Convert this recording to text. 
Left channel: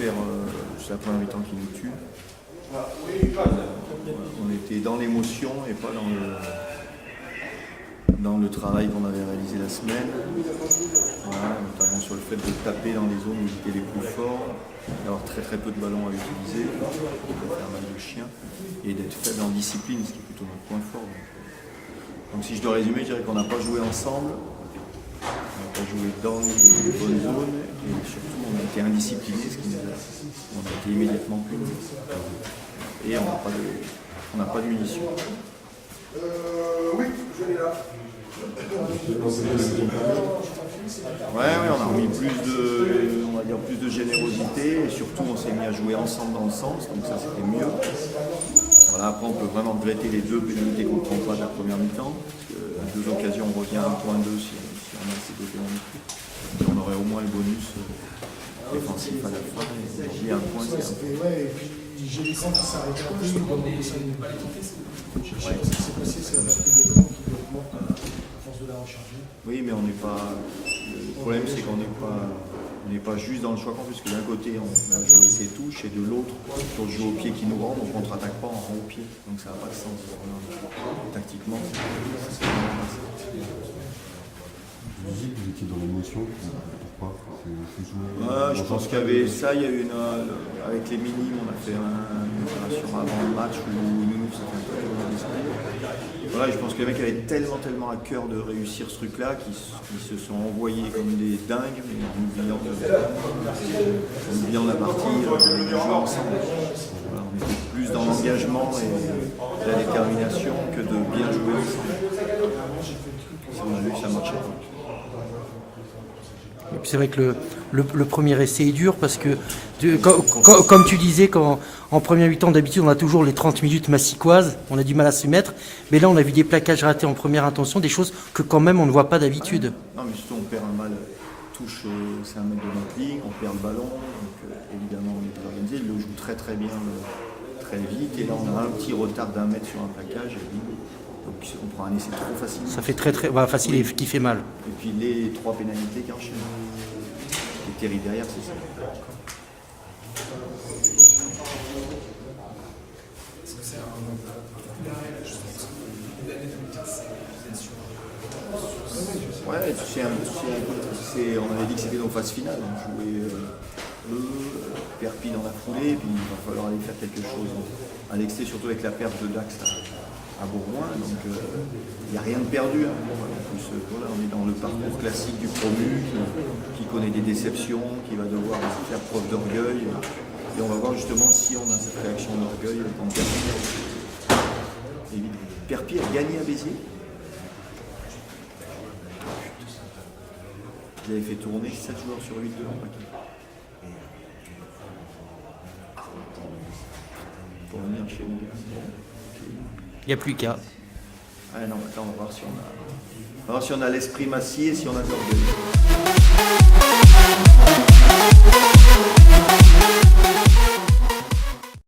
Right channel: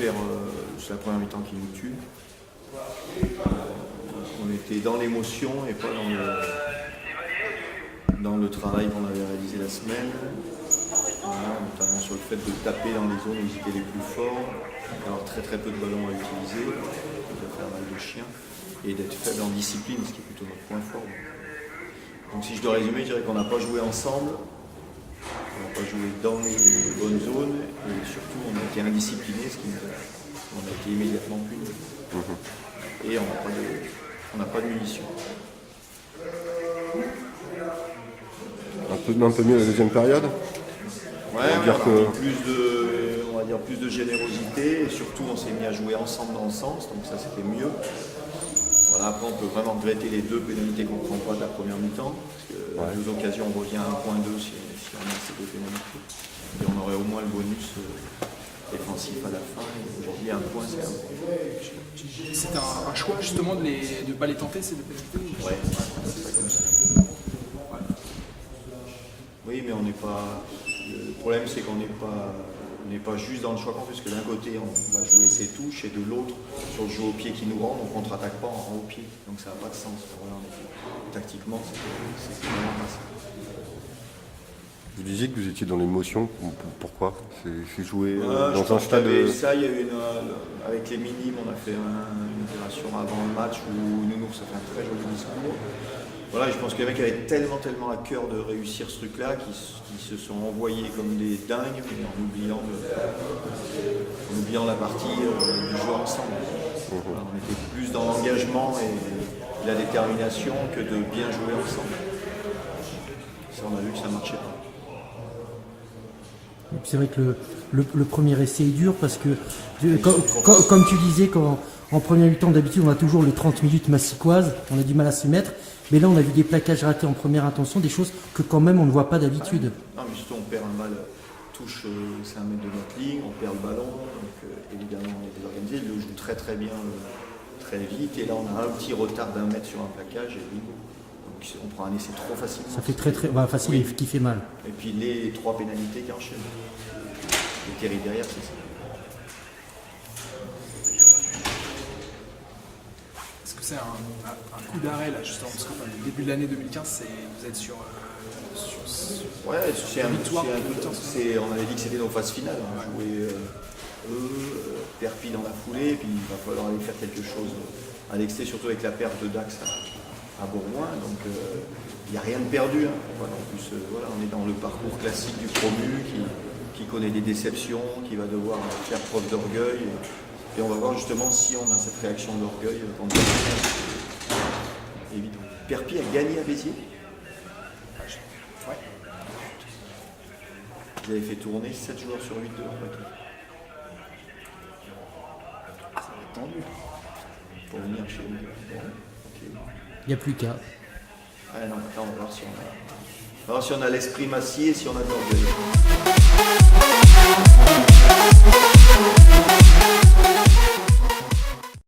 perd, c'est la première mi-temps qui nous tue. On était dans l'émotion et pas dans le travail qu'on avait réalisé la semaine. Voilà, notamment sur le fait de taper dans les zones où ils étaient les plus forts, d'avoir très peu de ballons à utiliser, de faire mal de chien, et d'être faible en discipline, ce qui est plutôt notre point fort. Donc si je dois résumer, je dirais qu'on n'a pas joué ensemble, on n'a pas joué dans les bonnes zones, et surtout on a été indisciplinés, ce qui on a été immédiatement puni. Et on n'a pas de munitions. Un peu de maintenir la deuxième période. Ouais, on a mis plus de générosité et surtout on s'est mis à jouer ensemble dans le sens, donc ça c'était mieux. Voilà, après on peut vraiment regretter les 2 pénalités qu'on ne prend pas de la première mi-temps, parce qu'à 2 occasions on revient à 1.2 si on a ces 2 pénalités. Et on aurait au moins le bonus défensif à la fin, et aujourd'hui 1 point c'est 1 point. C'est un choix justement de ne pas les tenter, ces 2 pénalités. Ouais, c'est comme ça. Oui, mais on n'est pas. Le problème, c'est qu'on n'est pas juste dans le choix qu'on fait, parce que d'un côté, on va jouer ses touches, et de l'autre, sur le jeu au pied qui nous rend, on ne contre-attaque pas, on rend au pied. Donc ça n'a pas de sens. Voilà, tactiquement, c'est vraiment pas ça. Vous disiez que vous étiez dans l'émotion. Pourquoi? C'est joué. Je pense qu'il y avait ça, il y a eu avec les minimes, on a fait une opération avant le match où Nounours a fait un très joli discours. Voilà, je pense que les mecs avaient tellement à cœur de réussir ce truc-là qu'ils se sont envoyés comme des dingues, mais en oubliant la partie du jeu ensemble. Voilà, on était plus dans l'engagement et la détermination que de bien jouer ensemble. Ça, on a vu que ça ne marchait pas. C'est vrai que le premier essai est dur parce que, comme tu disais, en première mi-temps, d'habitude, on a toujours les 30 minutes massicoises, on a du mal à se mettre. Mais là, on a vu des plaquages ratés en première intention, des choses que quand même on ne voit pas d'habitude. Non, mais surtout, on perd un balle, touche, c'est 1 mètre de notre ligne, on perd le ballon, donc évidemment, on est désorganisé. Il le joue très bien, très vite, et là, on a un petit retard d'1 mètre sur un plaquage, et bingo. Donc on prend un essai trop facilement. Ça fait très facile, oui. Qui fait mal. Et puis les 3 pénalités qui enchaînent. Ce qui est terrible derrière, c'est ça. Est-ce que c'est un coup d'arrêt là, justement, parce que le début de l'année 2015, vous êtes sur ouais, c'est un coup de. On avait dit que c'était nos phases finales. On jouait Perpi dans la foulée, et puis il va falloir aller faire quelque chose à l'excès, surtout avec la perte de Dax à Bourgoin, donc il n'y a rien de perdu. Hein. Voilà, en plus, voilà, on est dans le parcours classique du promu qui connaît des déceptions, qui va devoir faire preuve d'orgueil. Et on va voir justement si on a cette réaction d'orgueil quand Perpi évidemment. Perpi a gagné à Béziers. Ils avaient fait tourner 7 joueurs sur 8 de leur paquet. Pour venir chez nous. Bon, okay. Il n'y a plus qu'à. Ah non, maintenant on va voir si on a l'esprit massier et si on a de l'orgueil.